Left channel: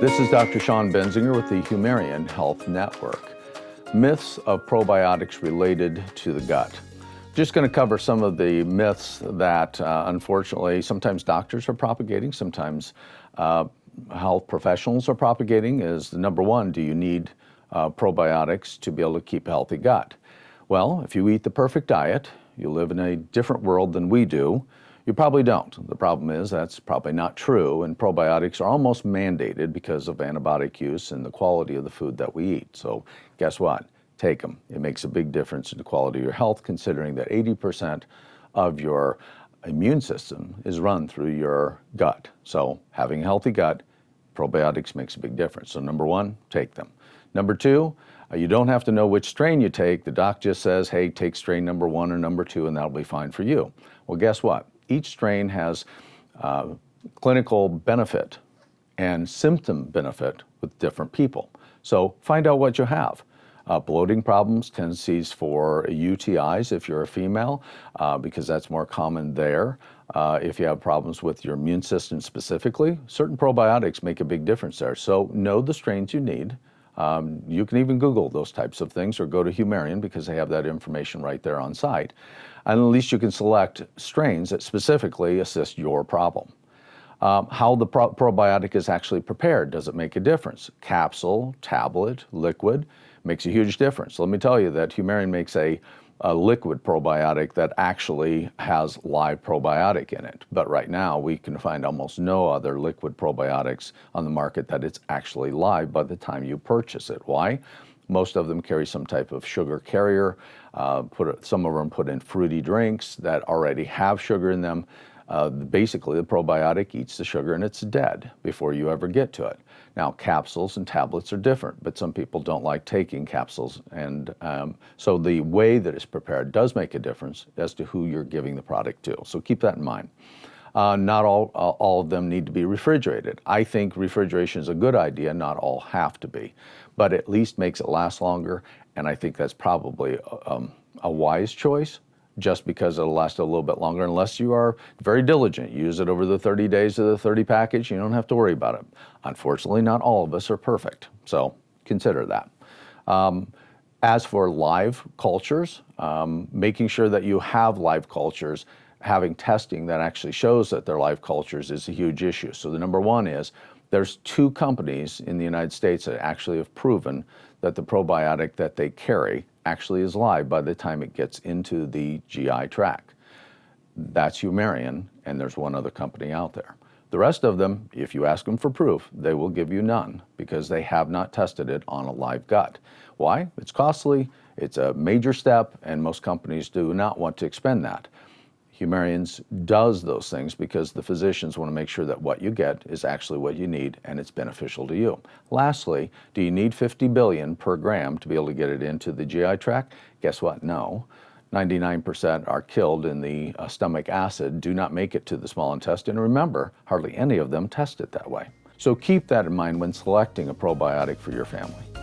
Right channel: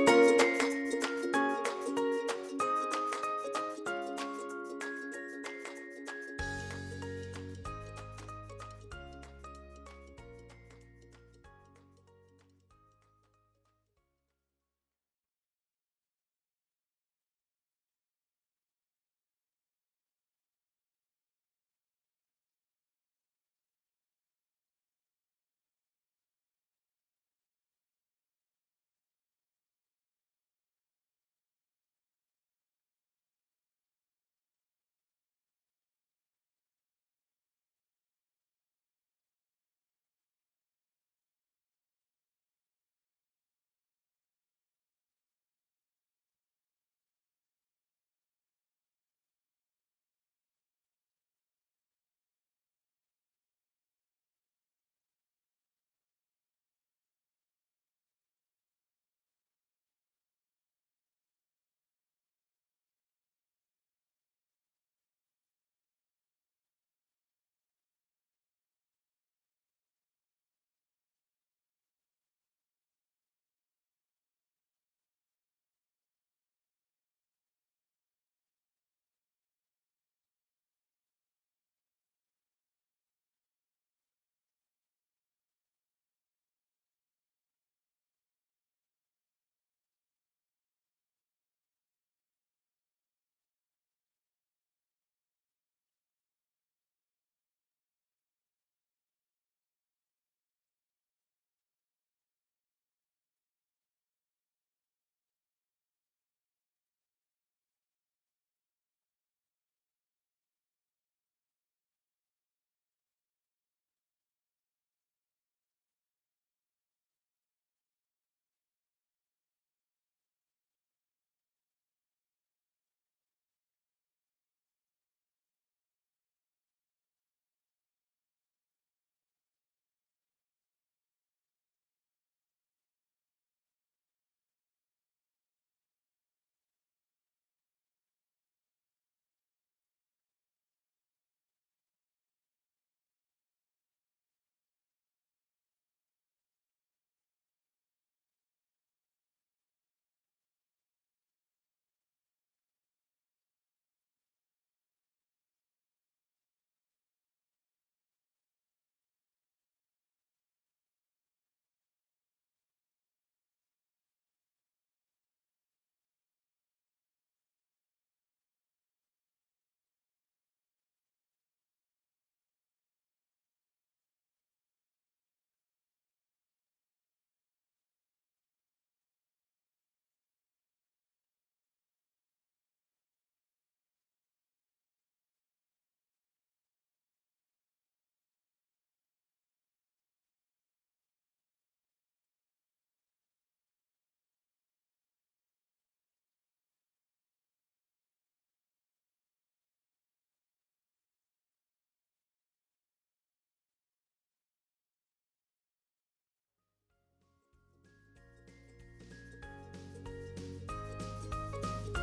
This is Dr. Shawn Benzinger with the Humarian Health Network. Myths of probiotics related to the gut. Just going to cover some of the myths that unfortunately sometimes doctors are propagating, sometimes health professionals are propagating. Is the number one, do you need probiotics to be able to keep a healthy gut? Well, if you eat the perfect diet, you live in a different world than we do, you probably don't. The problem is that's probably not true, and probiotics are almost mandated because of antibiotic use and the quality of the food that we eat. So guess what? Take them. It makes a big difference in the quality of your health, considering that 80% of your immune system is run through your gut. So having a healthy gut, probiotics makes a big difference. So number one, take them. Number two, you don't have to know which strain you take. The doc just says, hey, take strain number one or number two, and that'll be fine for you. Well, guess what? Each strain has clinical benefit and symptom benefit with different people. So find out what you have. Bloating problems, tendencies for UTIs if you're a female, because that's more common there. If you have problems with your immune system specifically, certain probiotics make a big difference there. So know the strains you need. You can even Google those types of things or go to Humarian because they have that information right there on site. And at least you can select strains that specifically assist your problem. How the probiotic is actually prepared, does it make a difference? Capsule, tablet, liquid, makes a huge difference. Let me tell you that Humarian makes a liquid probiotic that actually has live probiotic in it. But right now we can find almost no other liquid probiotics on the market that it's actually live by the time you purchase it. Why? Most of them carry some type of sugar carrier. Some of them put in fruity drinks that already have sugar in them. Basically, the probiotic eats the sugar and it's dead before you ever get to it. Now, capsules and tablets are different, but some people don't like taking capsules. And so the way that it's prepared does make a difference as to who you're giving the product to. So keep that in mind. Not all of them need to be refrigerated. I think refrigeration is a good idea. Not all have to be, but at least makes it last longer. And I think that's probably a wise choice, just because it'll last a little bit longer unless you are very diligent. Use it over the 30 days of the 30 package. You don't have to worry about it. Unfortunately, not all of us are perfect, so consider that. As for live cultures, making sure that you have live cultures, having testing that actually shows that they're live cultures is a huge issue. So the number one is there's 2 companies in the United States that actually have proven that the probiotic that they carry actually is live by the time it gets into the GI tract. That's Humarian, and there's one other company out there. The rest of them, if you ask them for proof, they will give you none because they have not tested it on a live gut. Why? It's costly, it's a major step, and most companies do not want to expend that. Humarians does those things because the physicians want to make sure that what you get is actually what you need and it's beneficial to you. Lastly, do you need 50 billion per gram to be able to get it into the GI tract? Guess what? No. 99% are killed in the stomach acid, do not make it to the small intestine. And remember, hardly any of them test it that way. So keep that in mind when selecting a probiotic for your family.